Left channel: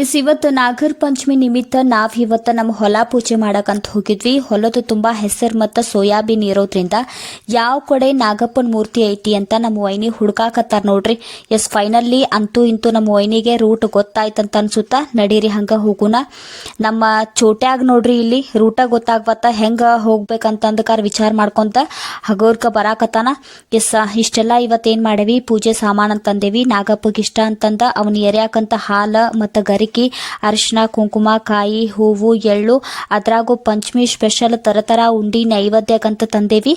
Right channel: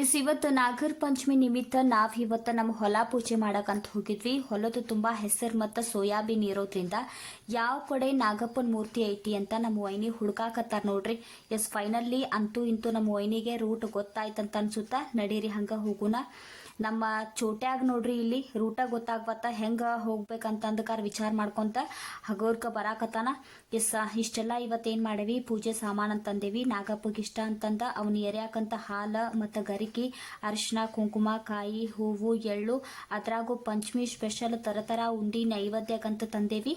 ಇವತ್ತು ನಾಗರ ಪಂಚಮಿ ನಿಮಿತ್ತ ನಾವು ಇವತ್ತು ನಮ್ಮ ಹೊಲ ಪೂಜೆ ಮಾಡಕಂತ ಹೋಗಿದ್ವಿ. ಹೊಲದ ತುಂಬ ಹೆಸರು ಮತ್ತು ಸೋಯಾಬೀನ್ ಇರೋದ್ರಿಂದ ಯಾವ ಕಡೆ ನಾಗಪ್ಪನ ಮೂರ್ತಿ ಐತಿ ಅಂತ ನಮ್ಮ ವೈನಿ ಹುಡುಕಾಕತ್ತಾರ ನೋಡ್ರಿ. ಫೈನಲ್ಲಿ ಅಂತೂ ಇಂತೂ ನಮ್ಮ ವೈನಿಗೆ ರೂಟ್ ಗೊತ್ತಾಯ್ತಂತ ಅನ್ಸುತ್ತಾ. ನಡೀರಿ ಹಂಗೆ ಹೋಗುಣ. ನಮ್ಮ ಚೋಟ್ಯಾಗ ನೋಡ್ರಿ ಇಲ್ಲಿ ರೂಟ ಗೊತ್ತಾಗ್ಬತ್ತ ಹೆಂಗೆ ಹೋಗ್ಬೇಕಂತಂದಕಾರ ವಿಚಾರ ಮಾಡ್ಕೊಂತ ಹಗೋರ್ಕ ಬರಾಕತ್ತಾನ. ಇಷ್ಟೆಲ್ಲ ಇವತ್ತೇನು ಮಾಡೇವಿ, ಪೂಜೆ ಸಾಮಾನು ಅಂತಂದೇವಿ. ನಾಗಪ್ಪಗೆ ಇಷ್ಟ ಅಂತಂದ ಅವನು ಎರ್ಯಾಕಂತ ಹಾಲು ಮತ್ತು ಗರಿಕಿ, ಅರಿಶಿನ, ಕುಂಕುಮ, ಕಾಯಿ, ಹೂವು, ಎಳ್ಳು, ಅದ್ರಾಗೂ ಪಂಚಮಿ ಸ್ಪೆಷಲ್ ತರ ಉಂಡಿ ನೈವೇದ್ಯಕ್ಕಂತ ತಂದೇವಿ.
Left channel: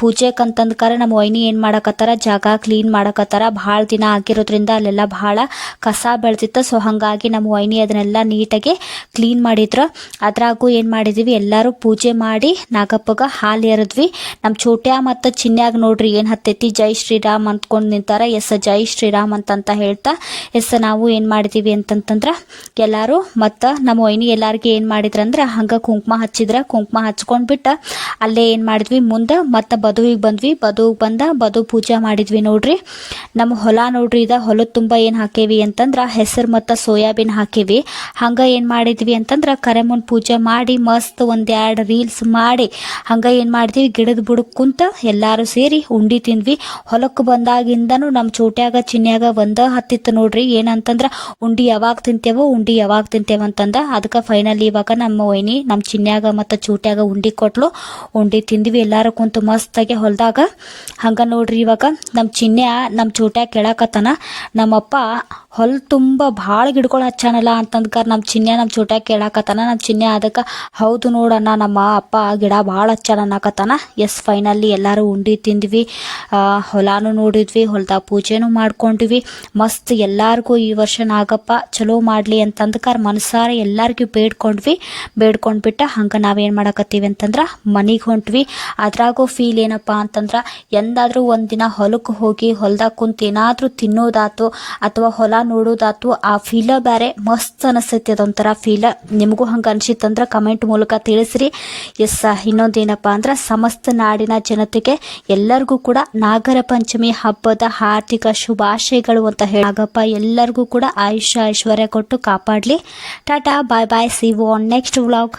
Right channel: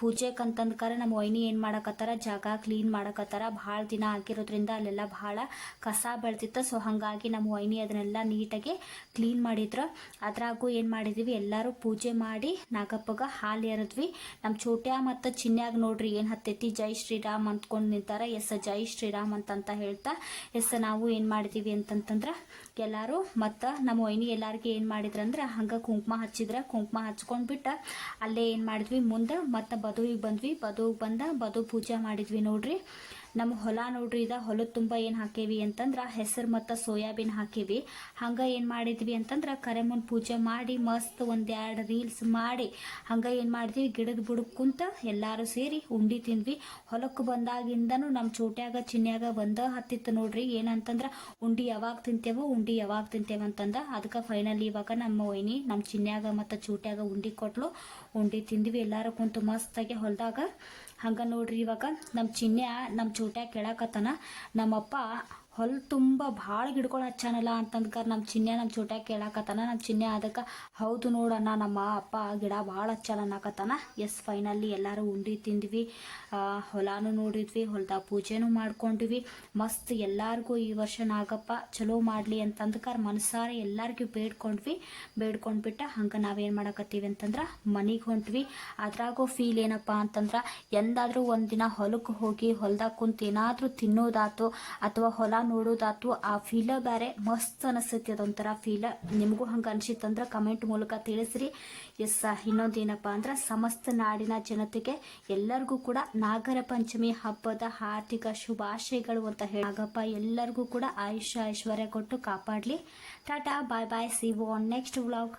ಪೂಜೆಕಂತಂದ್ಕಾರ ನಮ್ಮ ವೈನಿ ಏನು ಮಾಡಕತ್ತಾರ, ಜಾಗ ಕ್ಲೀನ್ ಮಾಡಕತ್ತಾರ. ಭಾಳ ದಿನ ಆಗಿರೋದ್ರಿಂದ ಅಲ್ಲೆಲ್ಲ ಭಾಳ ಕಸ ಬೆಳೆದಿತ್ತು. ಸೊ ಹಾಗಾಗಿ ನಮ್ಮ ವೈನಿ ಅದನ್ನೆಲ್ಲ ನೀಟಾಗಿ ಕ್ಲೀನ್ ಮಾಡಿದ್ರು. ಅದ್ರಾಗೂ ಏನು ಮಾಡಿದ್ವಿ, ಎಲ್ಲರೂ ಪೂಜೆ ಮಾಡಿ ನಾಗಪ್ಪಗ ಹಾಲು ಎರೆದ್ವಿ. ನಮ್ಮ ಚೋಟ್ಯ ಮತ್ತು ಚಿನ್ಯಾಗ ನೋಡ್ರಿ ಏನು ಹತ್ತೈತಿ, ಜೈ ಶ್ರೀರಾಮ್ ಅಂದ್ಕೊಂಡು ನಿಂತಾರ. ಜೈ ಶ್ರೀರಾಮ್ ಅಂತಂತ ಹೇಳ್ತಾ ನಾವು ಏನು ಮಾಡಿದ್ದೀವಿ ಅಂತಂತಂದ್ರೆ ಎಲ್ಲರೂ ಮತ್ತು ನಮ್ಮ ವೈನಿ ಎಲ್ಲರಿಗೆ ಏನು ಮಾಡಿದ್ರಂದ್ರೆ ಹಂಗೆ ಕುಂಕುಮ ಹಚ್ಚಿದ್ರೆ. ಕುಂಕುಮ ಹಚ್ಕೊಂಡ್ಬಿಟ್ಟು ಅಲ್ಲೇ ಏನು ಮಾಡಿದ್ವಿ, ಮುಂದೆ ಮತ್ತು ಬದುವಿಗೆ ಬಂದ್ವಿ. ಬದು ಪೂಜೆ ಮಾಡಿದ್ವಿ ನೋಡ್ರಿ. ನಮ್ಮ ಹೊಲ ನೋಡ್ರಿ, ಹೊಲದ ತುಂಬ ಏನು ಹಾಕೇವಿ ಅಂತಂದ್ರೆ ಹೆಸರು ಮತ್ತು ಸೋಯಾಬೀನ್ ಹಾಕೇವಿ. ಹಂಗೆ ಏನು ಮಾಡಿದ್ವಿ ಅಂತಂದ್ರೆ ಕರೆಮುನ್ ಪೂಜೆ ಮಾಡಿ ಮಸ್ತ್ ಒಂದೆರಡು ರೀಲ್ಸ್ ಮಾಡಿ ಹಂಗೆ ಏನು ಮಾಡಿದ್ವಿ, ಗಿಡದ ಬುಡಕ್ಕೆ ಕುಂತ ಎಲ್ಲರೂ ಸೇರಿ ಉಂಡಿ ತಿಂದ್ವಿ. ಹೊಲಕ್ಕೆ ಬಂದಾಗಿಂದನೂ ನಮ್ಮ ಚೋಟ್ಯಾಗ ಚಿನ್ಯಾಗ ಹತ್ತಿತ್ತು ನೋಡ್ರಿ. ಏನಂತಂದ್ರೆ ಉಂಡಿ ಯಾವಾಗ ತಿಂತೇವ ಅಂತಂದ. ಅದಕ್ಕೆ ಫೈನಲಿ ಇವಾಗ ನಮ್ಮ ವೈನಿ ನಮ್ಮ ಚಿನ್ಯಾಗ ಮತ್ತು ಚೂಟ್ಯಾಗ ಉಂಡಿ ಕೊಟ್ಲು. ಉಂಡಿ ತಿಂದ್ವಿ ಎಲ್ಲರೂ ಕುಂತು ಮಸ್ತಾಗಿ ಹೊಲದಾಗ. ಹಂಗೆ ನೋಡ್ರಿ ಇವಾಗ ನಮ್ಮ ಚಿನ್ಯ ನಮ್ಮ ಚೂಟ್ಯಾಗ ಕೇಳಕತ್ತಾನ, ನಮ್ಮಪ್ಪ ಹೊಲ ತುಂಬ ಭಾಳ ಗಿಡಗಳು ಹಚ್ಚಾನಲ್ಲ ಅಂತಂದ್ಕಾರ ನಮ್ಮ ಚಿನ್ಯ ನಮ್ಮ ಚೂಟ್ಯಾಗ ಕೇಳಕತ್ತಾನ. ನಮ್ಮ ಚಿನ್ಯ ಅದಕ್ಕೆ ಹೌದು ನೋಡಣ್ಣ, ನಮ್ಮ ಅಪ್ಪ ಗಿಡ ಭಾಳ ಹಚ್ಚಾನ ಅನ್ನಕತ್ತಾನ. ಫೈನಲಿ ಎಲ್ಲರೂ ಉಂಡಿ ತಿಂದ್ವಿ, ಹೊಲಾನು ನೋಡಿದ್ವಿ, ಹೊಲದಾಗ ಪೂಜೆನೂ ಮಾಡ್ಕೊಂಡ್ವಿ. ಮಸ್ತ್ ಎಲ್ಲರಿಗೂ ಈ ವರ್ಷ ನಾಗಪ್ಪ ಚಲೋ ಮಾಡಲಿ ಅಂತಂದ್ಕಾರ ಮನಸಾರ ಎಲ್ಲರಿಗೂ ಬೇಡ್ಕೊಂಡ್ಬಿಟ್ಟು ಹಂಗೆ ನಾವೇನು ಮಾಡಕತ್ತೀವಿ ಅಂತಂದ್ರೆ ಮನೆಗೆ ಹೊಂಟ್ವಿ. ಅದ್ರಾಗೂ ಫೀಲ್ ಏನಪ್ಪ ಅಂತಂದ್ರೆ ಎಂದಾದರೂ ಒಂದಿನ ಹೊಲಕ್ಕೆ ಹೋಗಿ ಹೊಲ್ದಾಗ ಕುಂತು ಏನಾದರೂ ತಿನ್ನೋದಾತು ಅಥವಾ ಹೊಲ ನೋಡೋದಾತು, ಆ ಫೀಲ ಬೇರೆ ಮಸ್ತ್ ಅನಿಸ್ತೈತಿ. ಅದೊಂಥರ ಫೀಲ. ನಿಮಗೂ ಹಂಗೆ ಅನಿಸಿತ್ತಂದ್ರೆ ಕಮೆಂಟ್ ಮೂಲಕ ತಿಳಿಸ್ರಿ. ಇನ್ನೊಂದೇನಪ್ಪ ಅಂದ್ರೆ ಸಮಸ್ತ ನಾಡಿನ ಜನತೆಗೆ ಎಲ್ಲರಿಗೂ ಕೂಡ ನಾಗರ ಪಂಚಮಿ ಹಬ್ಬದ ಹಾರ್ದಿಕ ಶುಭಾಶಯಗಳು ಅಂತ ಹೇಳಿ ನಾಗಪ್ಪ ಎಲ್ಲರಿಗೂ ಕೂಡ ಆಯುಷ್ಯ ಐಶ್ವರ್ಯ ಕೊಟ್ಟು ಕಾಪಾಡಲಿ. Tata, bye bye, see you on next vlog.